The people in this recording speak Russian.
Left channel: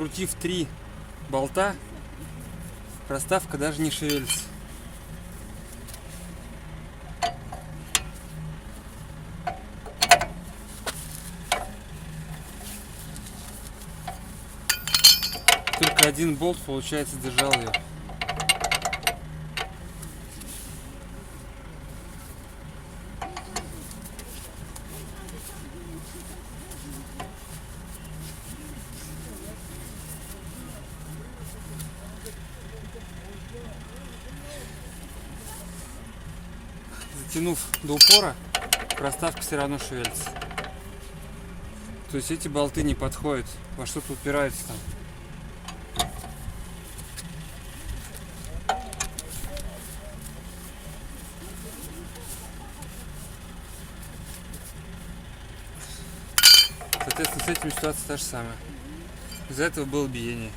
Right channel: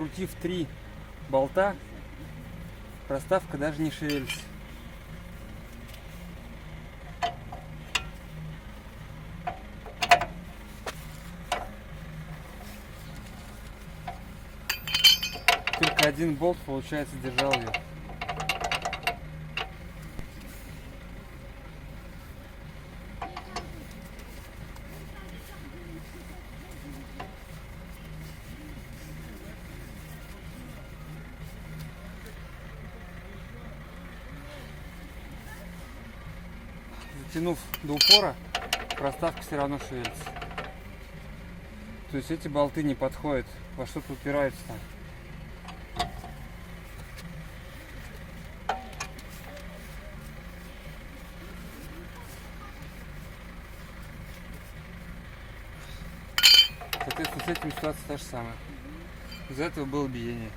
Прокрутив 3 болта, проставка даже не шевелится. Только один болт, получается, держал ее. Затянув до упора, проставка все равно шевелится. То есть эти болты не подходят, во что-то упирается там. Соответственно, с этим ситуация та же самая. Из-за этого было биение.